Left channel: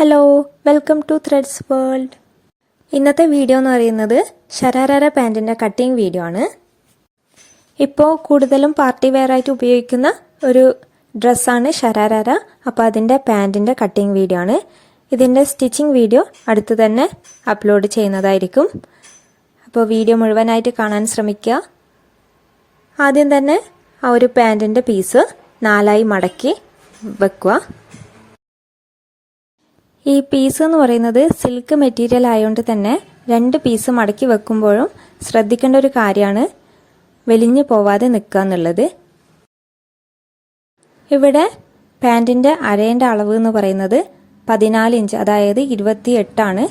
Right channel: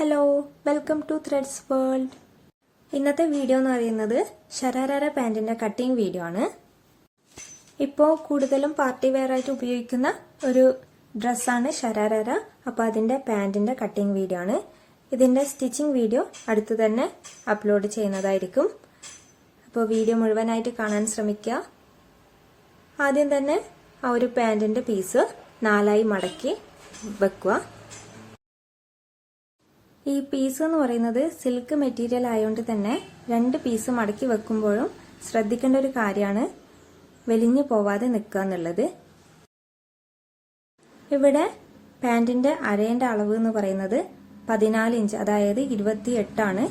Hello, welcome to threads world. ഇന്നത്തെ video എന്ന് പറയുന്നത് ഷരാരാര പാൻറ്റിൻ്റെ കട്ടിങ് വീഡിയോ ആണ്. ഇപ്പോൾ കൂടുതലും പാർട്ടി വെയർ ആയിട്ട് ഉപയോഗിക്കുന്ന ഒരു ഡ്രസ്സാണ് ഷരാരാര. അപ്പോൾ അതിൻ്റെ പാൻറ്റിൻ്റെ കട്ടിങ് വീഡിയോ ആണ്. ഇതിൻ്റെ സ്റ്റിച്ചിങ് വീഡിയോ അടുത്ത് തന്നെ അപ്ലോഡ് ചെയ്യുന്നതായിരിക്കും. അപ്പോൾ വീഡിയോ മുഴുവനായിട്ട് കാണാൻ ശ്രമിക്കുക. ആദ്യം തന്നെ ആ ഒരു പാൻറ്റിൻ്റെ പീസ് 4ആയി മടക്കി വെക്കുക. ഈ പീസ് എന്ന് പറയുന്നത് സിൽക്ക് മെറ്റീരിയൽ ആയതുകൊണ്ട് തന്നെ 2 പീസ് മടക്കി വെക്കുമ്പോഴും ശ്രദ്ധിക്കേണ്ട ഒരു കാര്യമാണ് വലിഞ്ഞു പോവാതെ നിൽക്കുക എന്നുള്ളത്. ഇവിടെ പാൻറ്റിൻ്റെ അരേൻ്റെ അളവ് എന്ന് പറയുന്നത് 14 ഇഞ്ച്, അതായത് 28 ആണ്.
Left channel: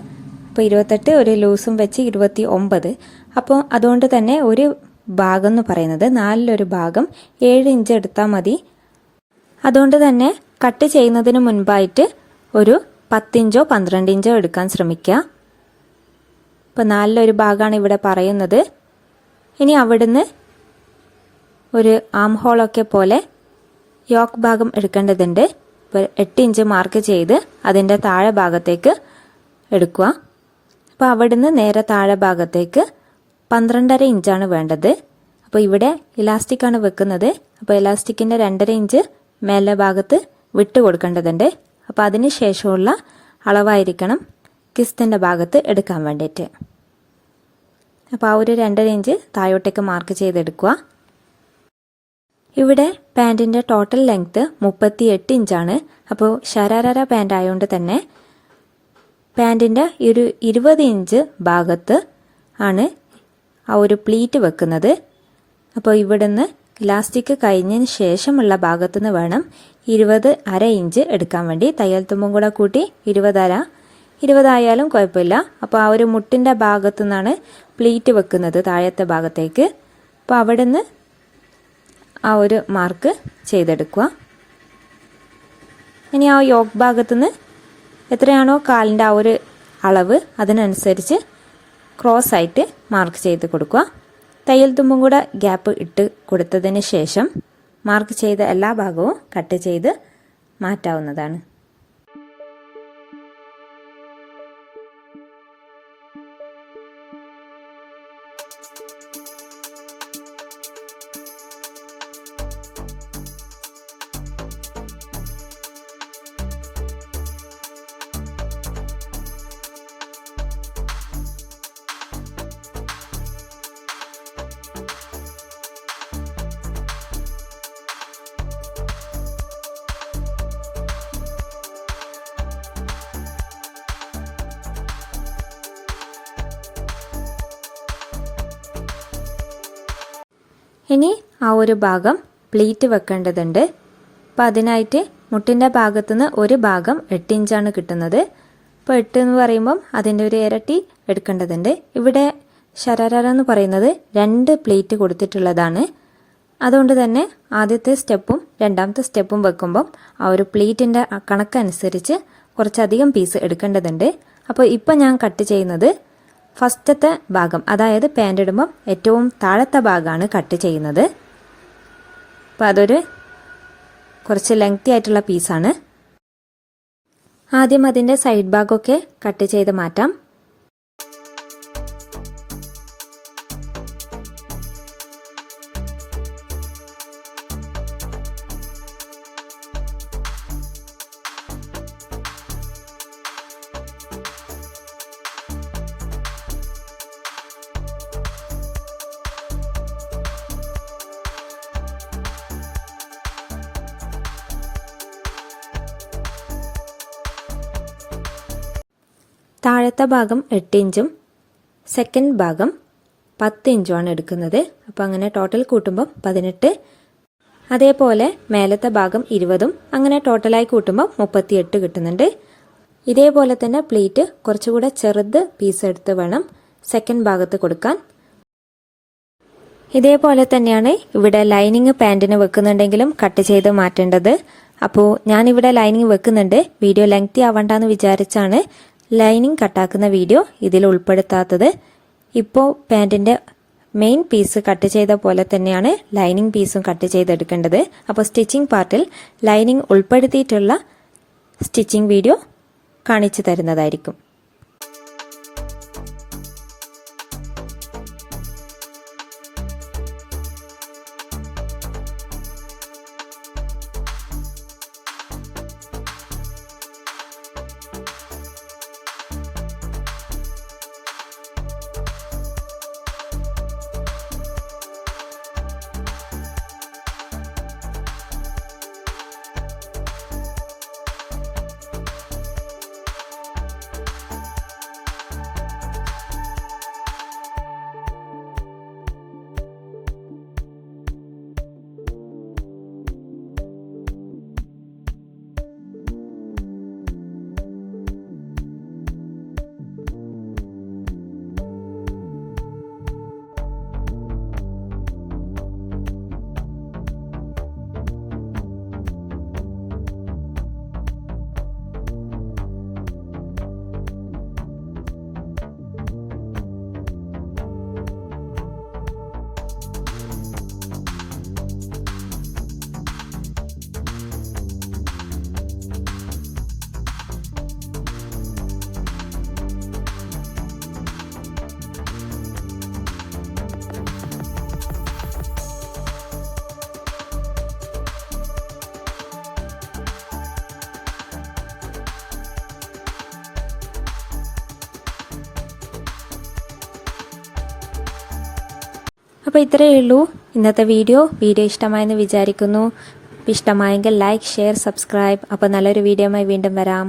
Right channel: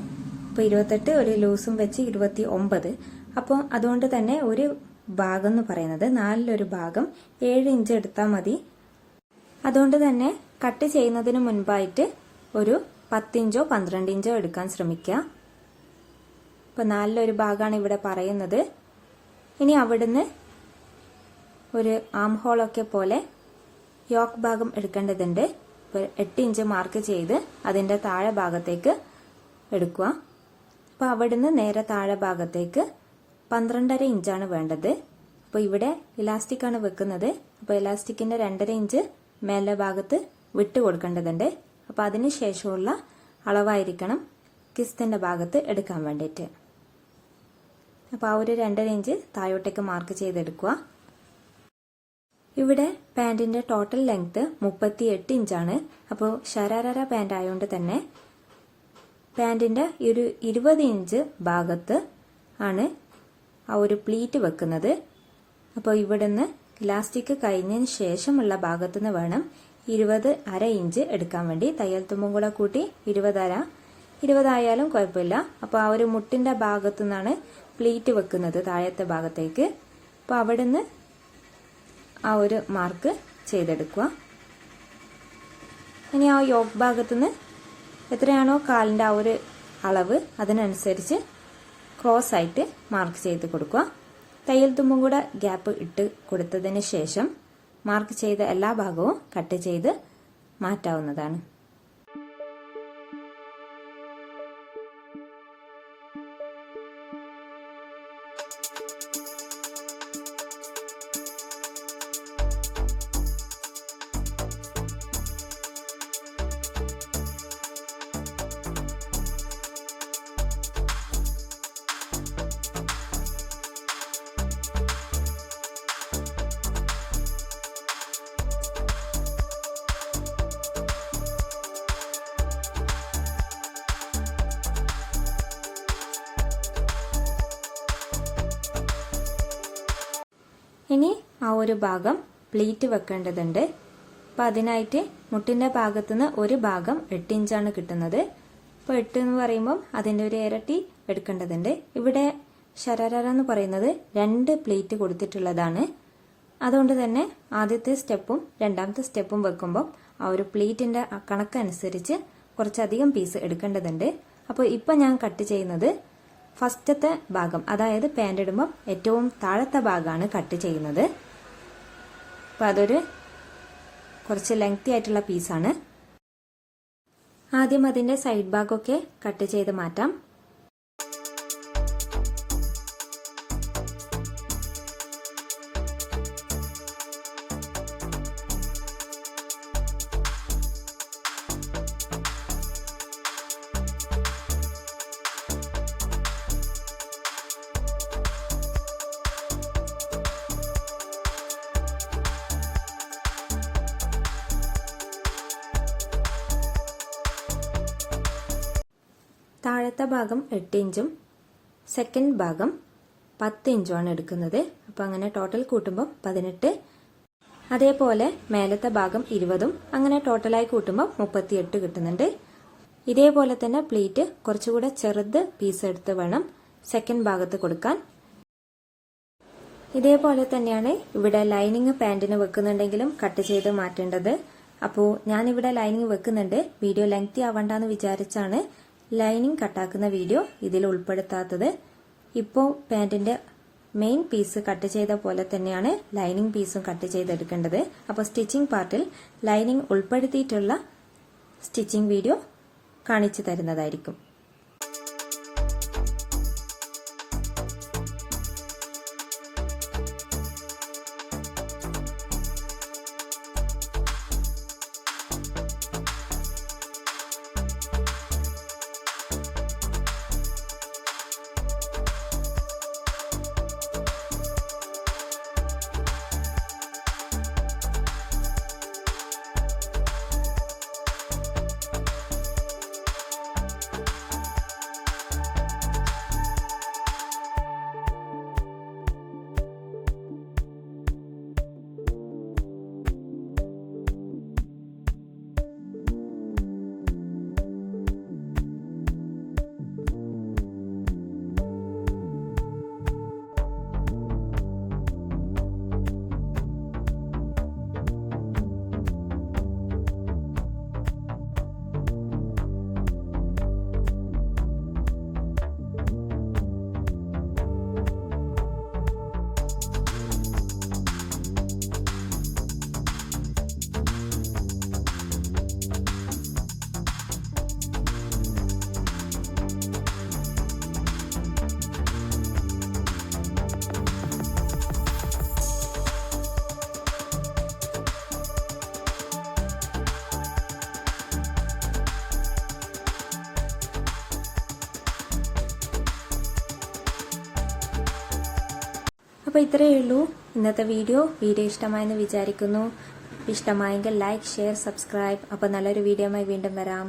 ഇപ്പോൾ 28 ഒരു ലൂസും വെച്ച് 29. അപ്പോൾ അതുകൊണ്ട് തന്നെ ഒരു ഭാഗം എന്ന് പറയുന്നത് 4-1 ഭാഗം 7 ഇഞ്ച് എടുത്താൽ മതി. അതുകൊണ്ട് തന്നെ കട്ട് ചെയ്യുന്നതിന് മുൻപായിട്ട് ഒരു 10 ഇഞ്ചോ 12 ഇഞ്ചോ എടുക്കാൻ ശ്രമിക്കുക. ഇപ്പോൾ 4-1 ഭാഗമാണ് ഇവിടെ പറയുന്നത്. ഇനി അവിടുന്ന് ഒരു ആം ഹോളൊക്കെ പോലെ യോക്ക് ഭാഗം എടുക്കേണ്ടതുണ്ട്. ഇപ്പോൾ 8 ഇഞ്ച് മാർക്ക് ചെയ്ത് അതിൻ്റെ താഴെ ഭാഗത്തേക്ക് എടുക്കുക. അപ്പോൾ അവിടുന്ന് നേരെ താഴെ ഭാഗത്തേക്ക് 12.5 ഇഞ്ചാണ് വേണ്ടത്. അപ്പോൾ ഇവിടെ ഇലാസ്റ്റിക്കാണ് വെക്കുന്നത്. അപ്പോൾ ഇലാസ്റ്റിക്കിൻ്റെ 2.5 ഇഞ്ച് മേലെ ഭാഗത്ത് വിട്ട് കൊടുക്കേണ്ടതുണ്ട്. അപ്പോൾ അതിന് ശേഷമുള്ള അളവായിരിക്കണം കിസ്റ്റിൻ്റെ ഭാഗത്ത് എടുക്കാൻ വേണ്ടിയിട്ട്. അപ്പോൾ ആ ഒരു 2.5 ഇഞ്ച് താഴോട്ടേക്ക് മാർക്ക് ചെയ്തെടുക്കുക. ഇവിടെ പാൻറ്റിൻ്റെ ടോട്ടൽ ലെങ്ത്ത് 38 ഇഞ്ചാണ്. അപ്പോൾ ഷരാരാര പാൻറ് ആയതുകൊണ്ട് തന്നെ പാൻറ്റിൻ്റെ ഒരു 20 ഇഞ്ച് ഭാഗത്ത് ആണ് ആ ഒരു പ്ലീറ്റ് വെക്കുന്നത്. അപ്പോൾ ഇവിടുന്ന് ഇലാസ്റ്റിക് കഴിഞ്ഞതിന് ശേഷമുള്ള ഭാഗത്തുനിന്ന് വേണം 20.5 ഇഞ്ച് എടുക്കാൻ വേണ്ടി. തയ്യൽ തുമ്പും കൂടെ കൂട്ടി 20 ആയാലും കുഴപ്പമില്ല. അപ്പോൾ ആ ഒരു മുട്ടിൻ്റെ ഭാഗത്തു നിന്നാണ് പ്ലീറ്റ് വെക്കുന്നത് താഴത്തെ ഭാഗത്തേക്ക്. അപ്പോൾ അവിടെ നിന്ന് ആ ഒരു മാർക്ക് ചെയ്തെടുക്കുക. ഇനി ആ യോക്ക് ഭാഗത്തുനിന്ന് എത്രയാണോ കാലിൻ്റെ ആ ഒരു അളവ് അതിനനുസരിച്ച് ക്രോസ് ആയിട്ട് മാർക്ക് ചെയ്ത് കൊടുക്കുക. തയ്യൽ തുമ്പും കൂടെ ഗ്യാപ്പ് ഇട്ട് കൊടുത്തതിന് ശേഷം മാർക്ക് ചെയ്ത എല്ലാ ഭാഗവും കട്ട് ചെയ്ത് മാറ്റാവുന്നതാണ്. ഇനി ആ ഒരു ഭാഗം പ്ലീറ്റ് വെക്കേണ്ടതുണ്ട്. അപ്പോൾ അതിനായിട്ട് മുട്ടിൻ്റെ ഭാഗത്തുനിന്ന് ഒരു ഭാഗം 8 ഇഞ്ചാണ് കിട്ടുന്നത്. അപ്പോൾ 8 എന്ന് പറയുമ്പം അതിൻ്റെ ഒരു ഇരട്ടി എടുക്കേണ്ടതുണ്ട്. ഇവിടെ ഷരാരാര എന്ന് പറയുന്നത് 2 പ്ലീറ്റ് കൊടുത്തിട്ടുള്ളതാണ്. അതുകൊണ്ട് തന്നെ ആദ്യത്തെ സ്റ്റെപ്പും രണ്ടാമത്തെ സ്റ്റെപ്പും വെക്കുമ്പം ആ ഒരു പ്ലീറ്റിൻ്റെ കണക്കനുസരിച്ച് കുറച്ചധികം പീസ് എടുക്കേണ്ടതുണ്ട്. അപ്പോൾ ഇപ്പം ഞാൻ കട്ട് ചെയ്യുന്നത് ഫസ്റ്റത്തെ ഭാഗം, അതായത് പാൻറ് ഇടുമ്പം ഏറ്റവും താഴത്തെ ഭാഗമാണ് കട്ട് ചെയ്യുന്നത്. അപ്പോൾ അതൊരു കുറച്ച് ലെങ്തി ആയിട്ടുള്ള പീസാണ്. ആദ്യം അതിൻ്റെ സൈഡ് ഭാഗമൊക്കെ കട്ട് ചെയ്ത് മാറ്റാം. താഴത്തെ ഭാഗം 8 ഇഞ്ചും സെക്കൻഡ് ഭാഗം 10 ഇഞ്ചുമാണ് എടുക്കുന്നത്. അപ്പോൾ അങ്ങനെ ടോട്ടൽ കൂട്ടുമ്പോൾ 18. അതേപോലെ മേലത്തെ ഭാഗം 20ഉം അങ്ങനെ ടോട്ടലായി കൂട്ടുമ്പോൾ 38 കിട്ടുന്നുണ്ട്. ഇതേപോലെ തന്നെ പ്ലീറ്റ് കുറച്ചുകൂടെ ചെറുത് പീസ് എടുത്ത് വേണം സെക്കൻഡ് ഭാഗത്ത് കൊടുക്കാൻ. ഇതേപോലെ തന്നെയാണ് ഇവിടെ ലൈനിങ് പാൻറ്റിന് വെക്കുന്നുണ്ടെങ്കിലും കട്ട് ചെയ്ത് മാറ്റേണ്ടത്. അപ്പോൾ ഞാനിവിടെ ലൈനിങ് വെക്കുന്നുണ്ട്. വീഡിയോ ലെങ്തി ആവണ്ടെന്ന് വിചാരിച്ചാണ് ലൈനിങ് കട്ടാക്കുന്ന വീഡിയോ ഇതിൽ ഉൾപ്പെടുത്താത്തത്. ഇപ്പോൾ പാൻറ്റിൻ്റെ മെയിൻ പീസ് കട്ട് ചെയ്ത പോലെ തന്നെയാണ് ലൈനിങ് പീസും കട്ട് ചെയ്തെടുക്കേണ്ടത്. അപ്പോൾ സ്റ്റിച്ചിങ് പാർട്ടിൽ ലൈനിങ് ഉൾപ്പെടുത്തിയിട്ടുള്ള സ്റ്റിച്ചിങ് വീഡിയോ കാണിച്ചു തരുന്നതായിരിക്കും. അപ്പോൾ ഇത്രയേ ഉള്ളൂ ഇന്നത്തെ വീഡിയോ ഇഷ്ടമായെന്ന് വിചാരിക്കുന്നു. ഇഷ്ടമായെങ്കിൽ ലൈക്ക്, ഷെയർ, സബ്സ്ക്രൈബ്. അപ്പോൾ നല്ലൊരു വീഡിയോയുമായി വീണ്ടും വരാം.